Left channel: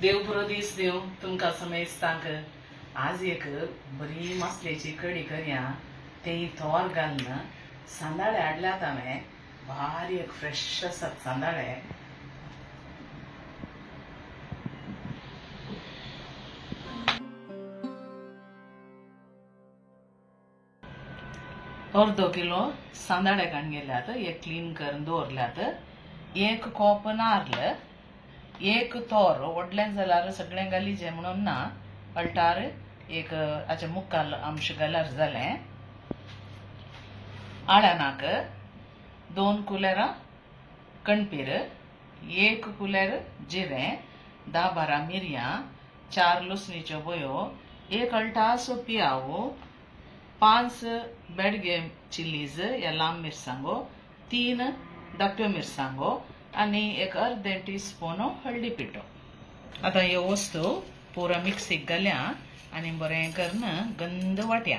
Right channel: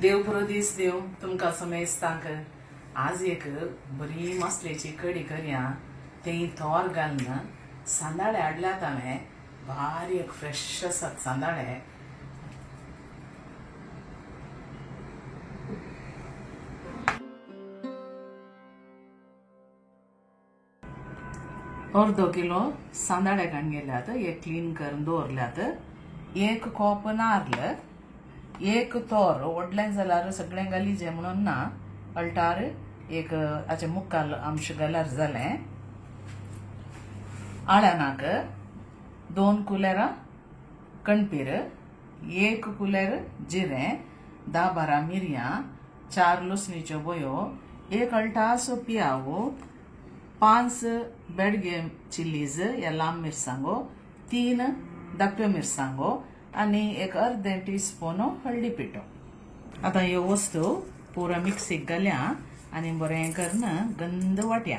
देव बरो दीस दिव तुमकां समेस्तांक आज एक बरी मसलेची कडी करया तें तोर घालून सांदाळे हाडल्यात हांवें भारी एक फ्रेश आसात सांदाळे अर्दो किलो सांदाळे काडून गेल्यात एक क्लीन करून दवरल्यात एक कॉप नारळ एक तोर व्हडलें जाल्यार सगळें घालीचें म्हणून ना अल्टार एक हाचे मुक्काल अंश घाल्यार जालें आळ्यानाक 2 कुलेरां कणपीर 1 कुलेर जिरें 10-12 मिरयां 4 लसणीच्यो बयो 1 अल्टासो पियाव 5 बेडगे चिल्लीज या लांब मिरसांगो 3 धाकट्यो मिरसांगो आनी एक अर्दें टीस्पून हळदी पिठो आतां ह्यो वस्तू पुरो मिक्सीक घाल्या आनी बरें करून गंद वाट्या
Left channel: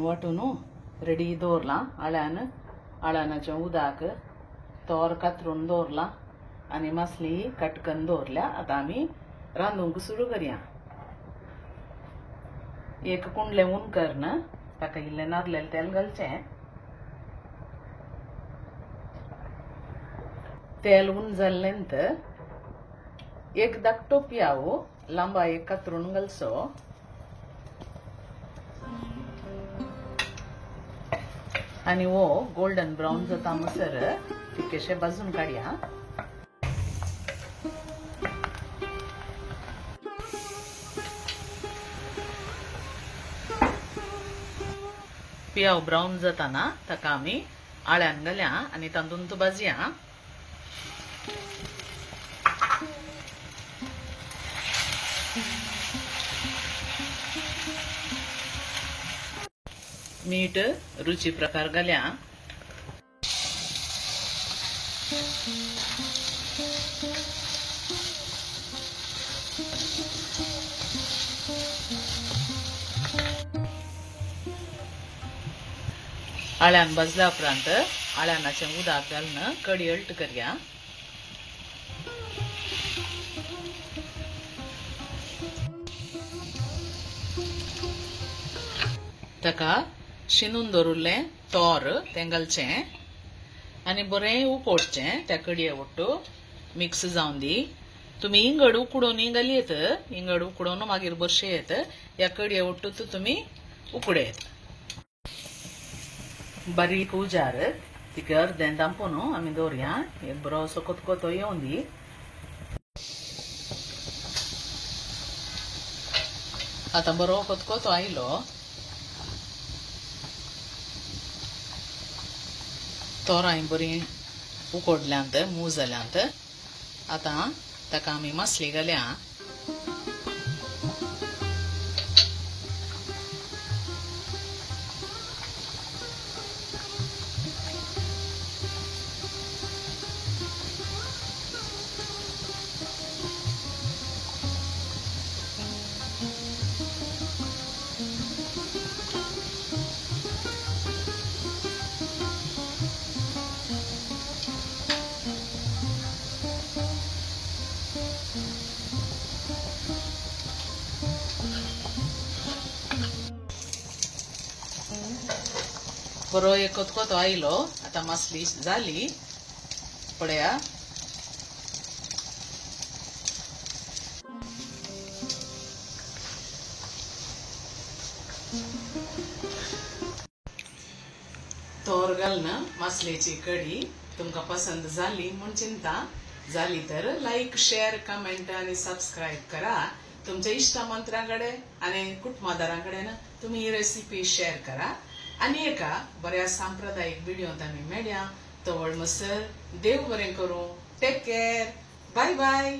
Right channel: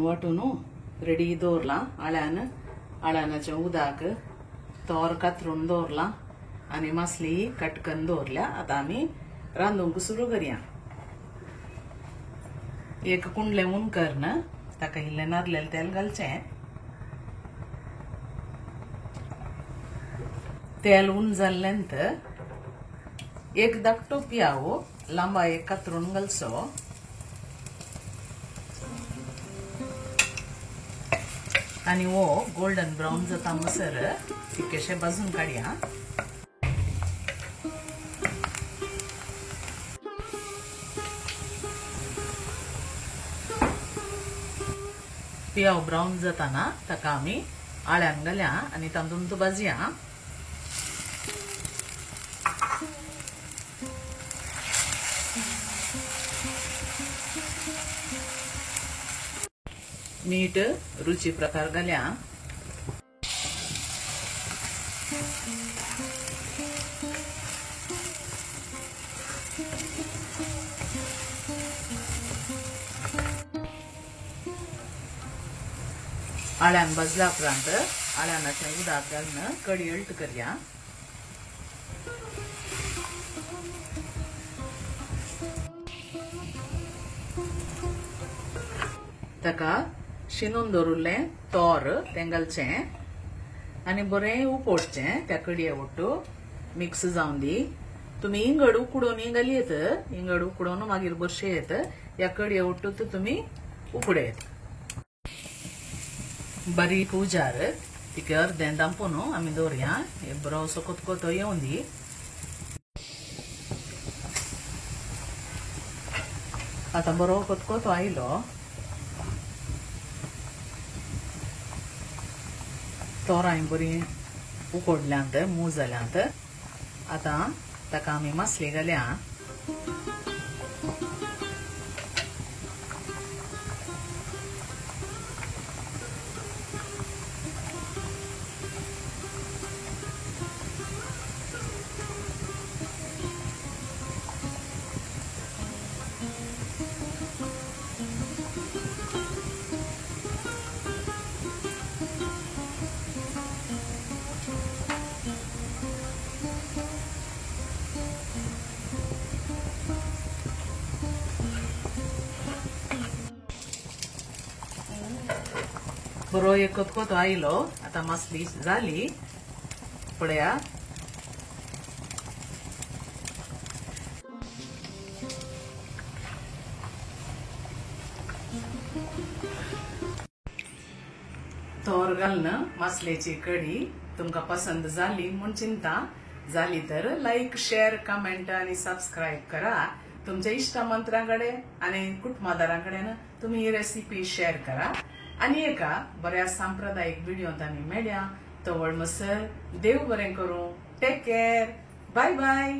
वाटून रेडी दवरला आळ्यानाच्या उदक तोर कातरून दवरला आनी मसली कट करून दवरल्या आतां आमी रांदूंक सुरू करया एक कुंडलें उन करून ताका इल्लें नारळेलें तेल घालचें तेल उन जाल्लेंत एक धाकटो पियाव लांबा एक कातरून घालचो आनी वो गोल्डन ब्राउन जाता म्हणसर तिकेशे भाजून काडया पियाव ब्राउन जाताना ताका आमी आळ्यान घालया आनी तांदूळ भाजया मीठ रुची प्रकार घाल्या आळ्यान भाजल्या उपरांत आळ्यानाचें उदक घालून कडी अल्ट करया ताका शिनून दवरलें तोर तें घालचें आनी बरें उकडचें त्या कडये वट्टू मिक्स जावन दी तुमी इंगड उकडून घालयेत इंगड उकडून मागीर बरशेत ह्या कडये वट्टू तुमी उकडेत बारीक उजार तिका अर्दें दांपून आमी दवरया एक बरोसो कोतकोतो येवन दी आतां बरो कोतकोतो आयलो तोरां बरी उकडल्यांत मूग जाल्यांत आतां ताका आमी मसली घालया बरो एक कोतकोतो आयलो आतां मसली जाली पळया तोर घालून मसलेची कडी तुमकां पसंद जाली म्हूण चिंता जाली तर लाईक शेअर कमेंट आणि सबस्क्राईब करा तुमच्या इष्टमंत्र्यांकडे आणि कुटुंबदारांकडे तुम्ही ही रेसिपी शेअर करा आणि एका बऱ्या सांप्रदायिक व्हिडिओत आम्ही मेळया. तवळ मसर देव बरें करूं. Take care. Bye bye.